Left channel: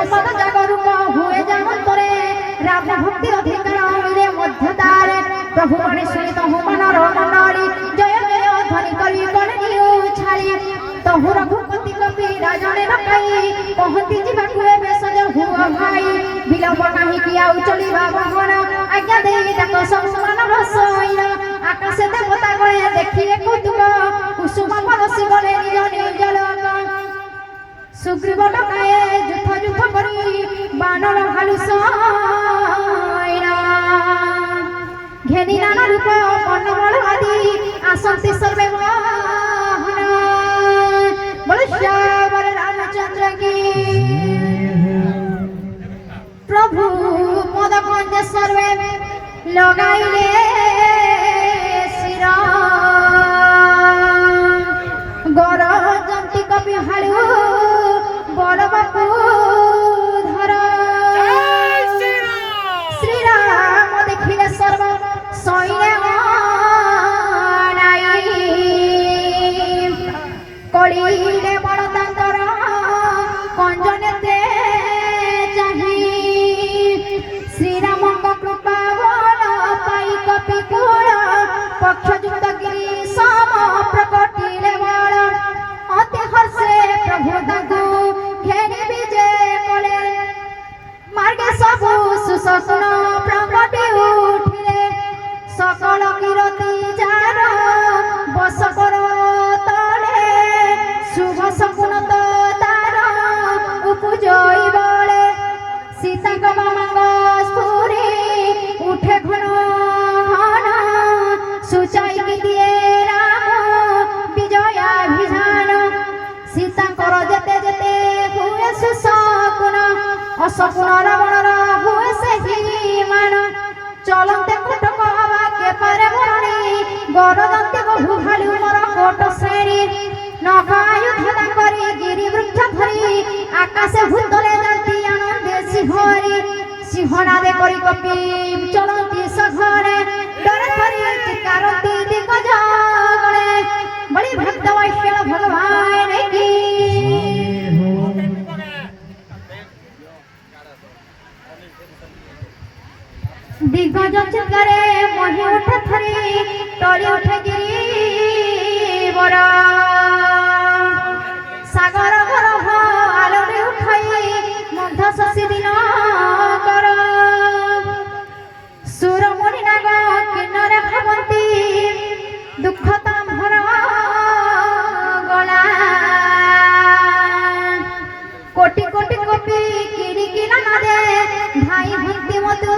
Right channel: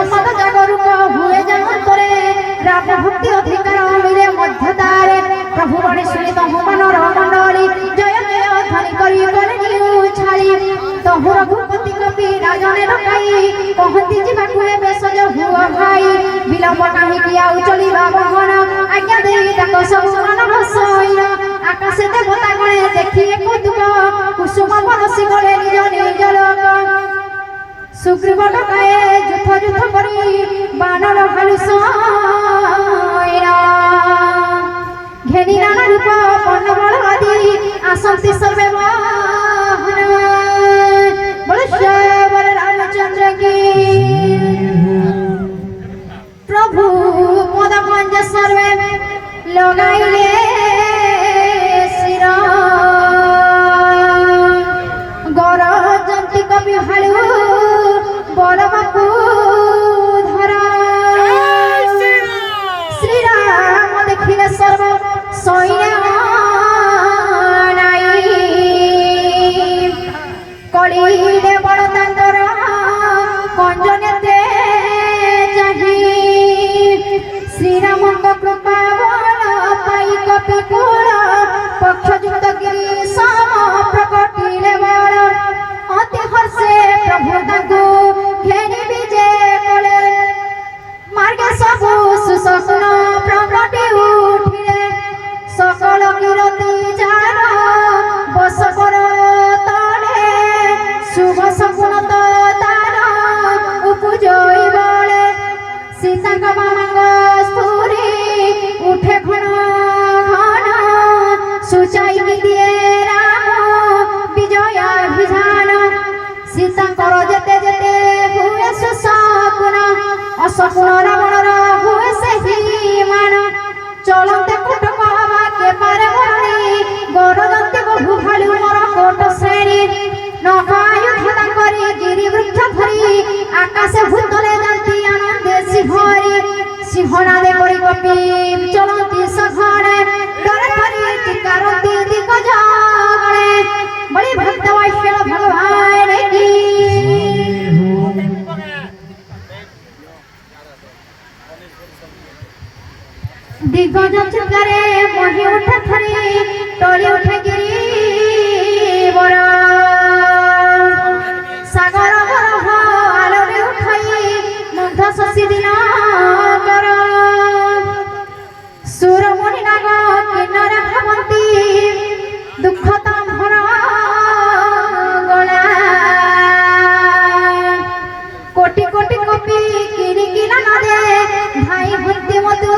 সম্বাদ জাগরুক হুয়ে যান্তরে রাম ভক্তি অধিকার মিলে মধ্যদারে প্রভু বাণী শুনি তহু মনর মণ্ডলী জয় জয় ধ্বনি করি করে নিউ ছাড়ি তহু রঘুপতি কপি রাজনে রকাই কহতি ଯିବାକୁ ଏବେ ସଜ ହୁଅ ଭାଇ ବିଳମ୍ବ କାହିଁକି ଆଉ ଚଳିବା ବହନ ଆଜ୍ଞା ଦେଇ ଡାକ ସବୁ ମନ ଭସଇନ ଆକାଶ ଦେବତା ଗଳେ ଦେଖିଏ କୁତୁକ କୁସୁମ ବରସି ଗଳେ ନିଜ ନିଜ ଲୋକ ସୁଗ୍ରୀବ ଡକାଏ ଯୁଥ ଯୁଥ କରି ବାନର ଭାଲୁ ସଇନା ଘେନି ନାନା ରୂପ ବର୍ଣ୍ଣବଳ ଆଦି ଆସନ୍ତି ସର୍ବେ ମୋହନ ବଳ ରାମଚନ୍ଦ୍ର କି प्रभु पद पंज सर्वे लगाइले शिरा गरजंती कवि भालु बरबपु धरा श्री राम देखिले सर्व सैन्य कलिले बड़दांतर कंजनेते कपिकुल पक्षयुक्त गिरी सम प्रकटिले बल अति हर्षे प्रभु ताकु घेरी विजे कले मार्गे सबु सुशकुन प्रकटि उठिले सकल कीरति जार बस कर तले शुभ सकुन तार उपजई बले सीता मामांग स्तूरी उठे घन सुचाई दिए राम विजयाभिधान सीता कर जेते जेते हुए सकुन असकुन रावणर हुए से मान चलते कुटक हवा के पारे मरणी गरजंती बहु भालु मर कोट श्रेणी नखायुध करी गिरी वृक्ष धरी आकाशे भूतले जाती आनंदे सिंहरी सिंहनादे करी कपि चलती सघरे डरे परी टिकारती दिग जागणे बड़ी भक्त वैश्य भगवान की दिग्गज चित्तरे मोहि उठे थरी टली उठे गिरी बरा सागर बरह आलोरी उठाई मध्य शशि दिनाकर सुरमणि नाग किन्नर भावंती दुख तंभर गला कोटि कोटि कपि किरी किला नदे धाई भक्ति मधु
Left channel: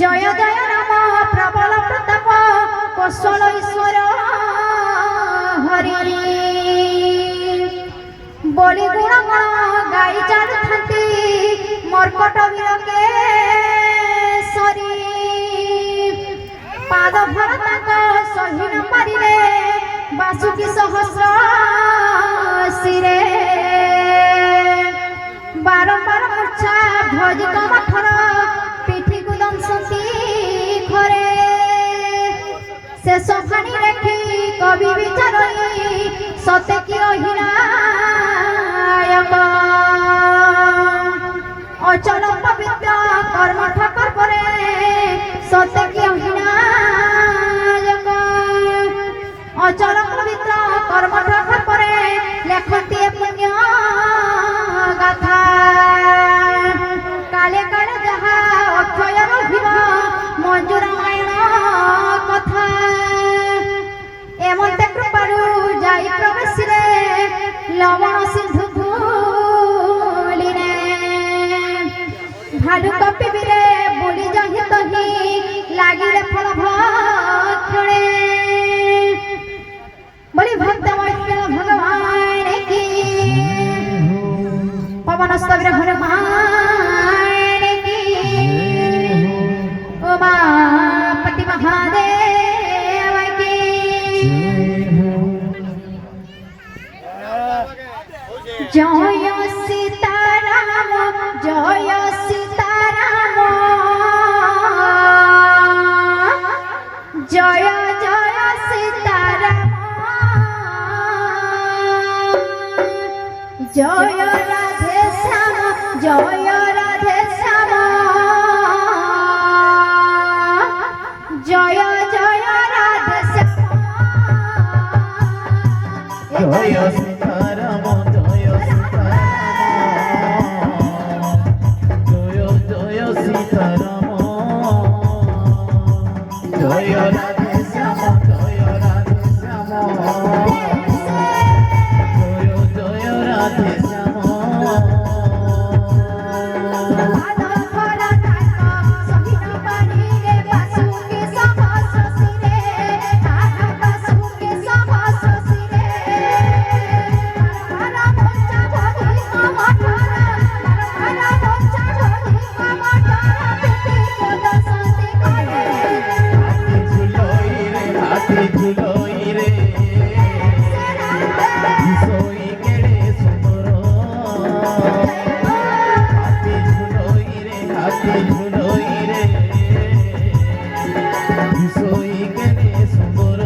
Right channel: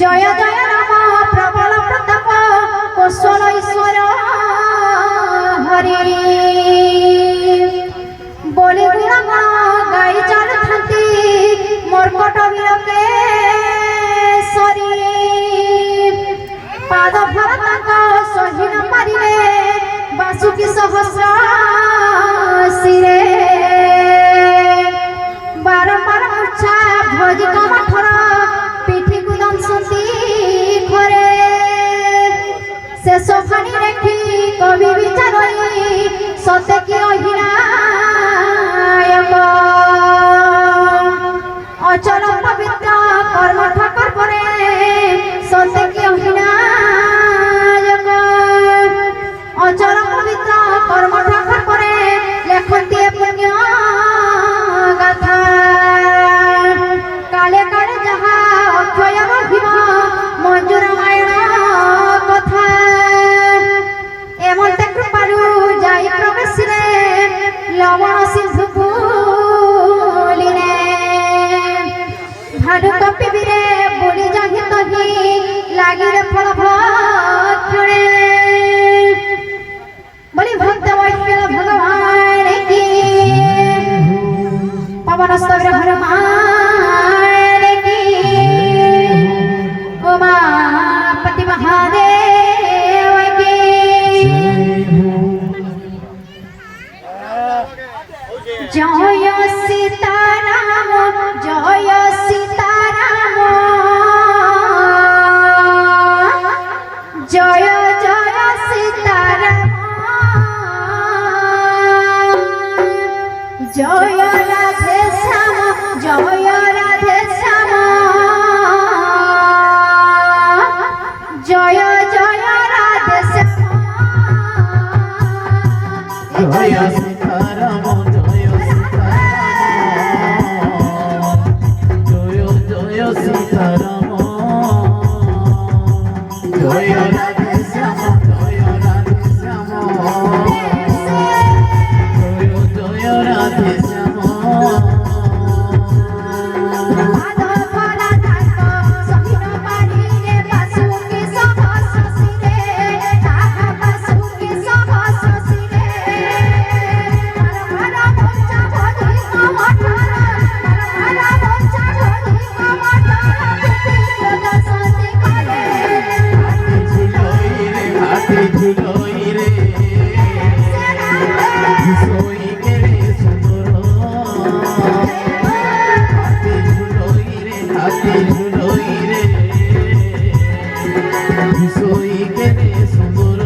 जय जय राम प्रबल प्रताप कौशल ईश्वर हरि बलि गुण गाई चालुथांती मर्कट विरके सरी पाद भरतांक सही न पारिले बासुकी सहस्र शिरे बारंबार मूर्छा ध्वजित मठर पिठी को दंशती घरे शेष फाणी रेखी कवि विचारई सत्य की अहिरायक अचल पवित्र कर्म ठकर परे सत्य की अहिरायक अचल पवित्र कर्म ठकर परे लेखती पुण्य गाथा काले काले जहा अक्षय रहिब मंजूर आयण कथा एमते कृपारू जाई प्रवेशिले लवण सिंधु फूलिने भालु कपिबिरे बुड़ी जाहि तही लागिले फल भक्षणे बलि भक्त वैश्य भगवान की पवन स्तव्य हनुमान की उमापति महादेव की जय सीताराम जय सीताराम जय जय सीताराम জয় রাধে শ্যাম জয় রাধে শ্যাম জয় জয় রাধে শ্যাম জয় সীতারাম জয় সীতারাম জয় জয় সীতারাম জয় রাধে শ্যাম জয় রাধে শ্যাম জয় জয় রাধে শ্যাম মাধব রাধা সহিন বাড়িরে বাসুকি সহস শিরে রাধা বাসুকি সহস শিরে হর হর বঞ্চা ধরি কমঠারা হর হর বঞ্চা ধরি কমঠারা পিটি দশতি করে হাতে ঝুলোই রে বিষয় কেড়ে সুন্দর হাতে ঝুলোই রে বিষয় কেড়ে সুন্দর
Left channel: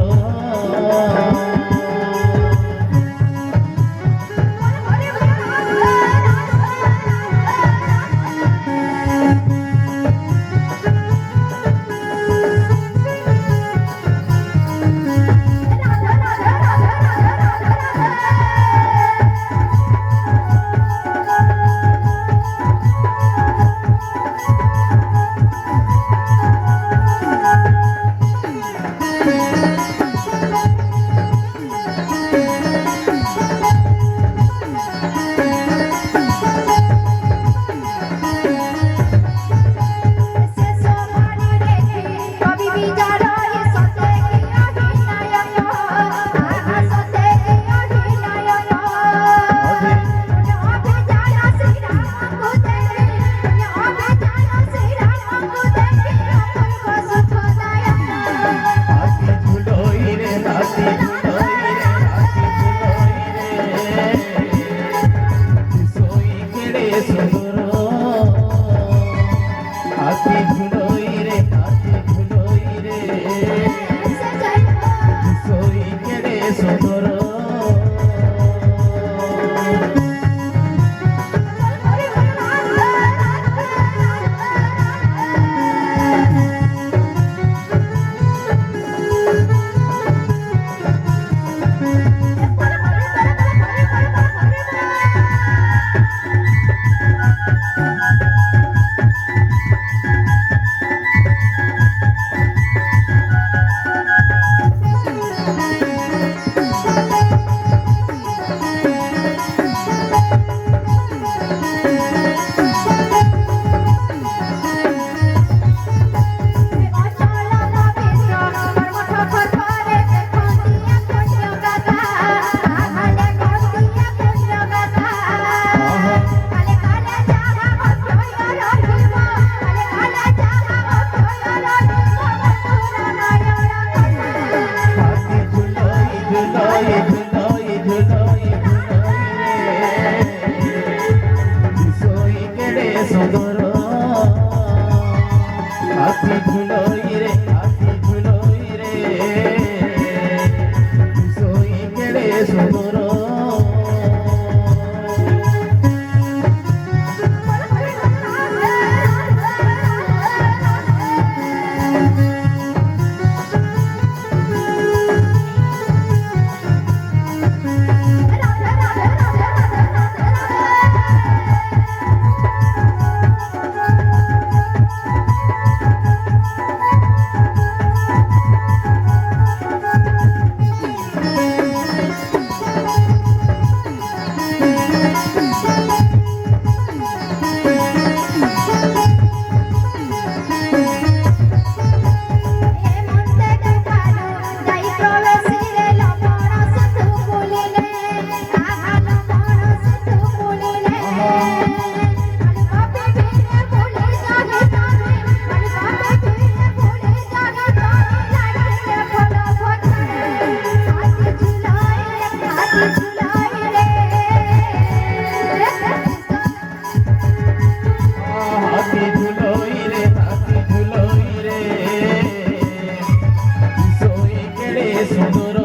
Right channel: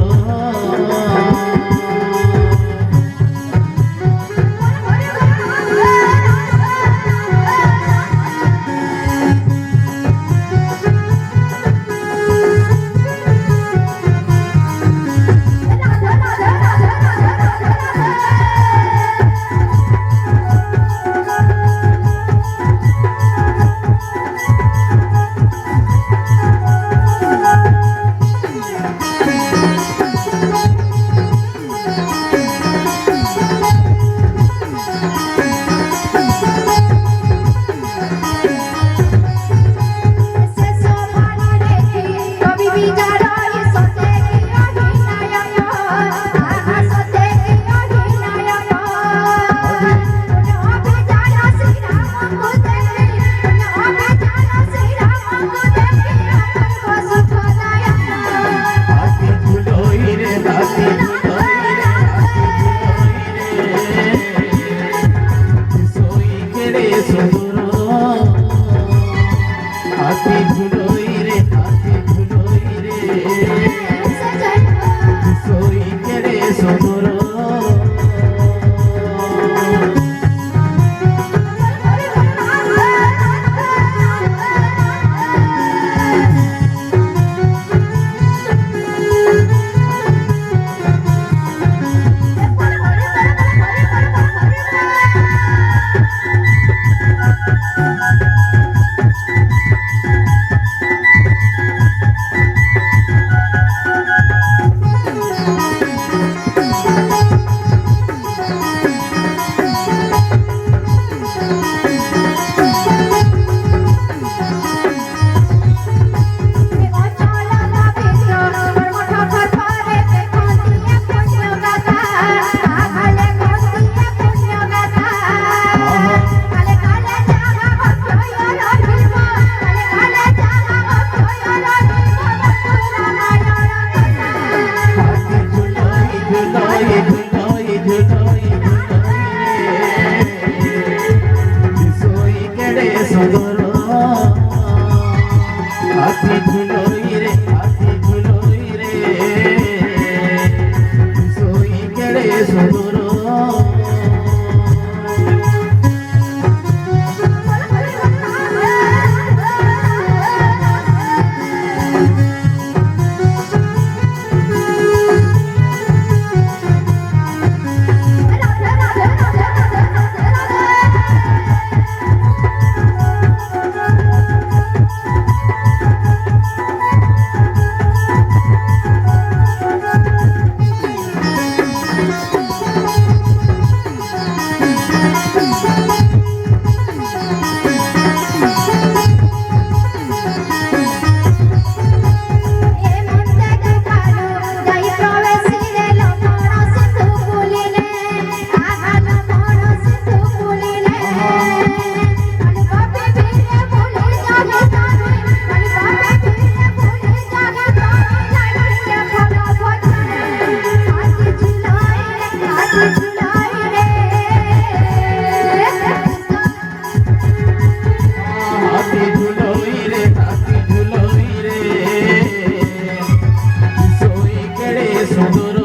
সুন্দর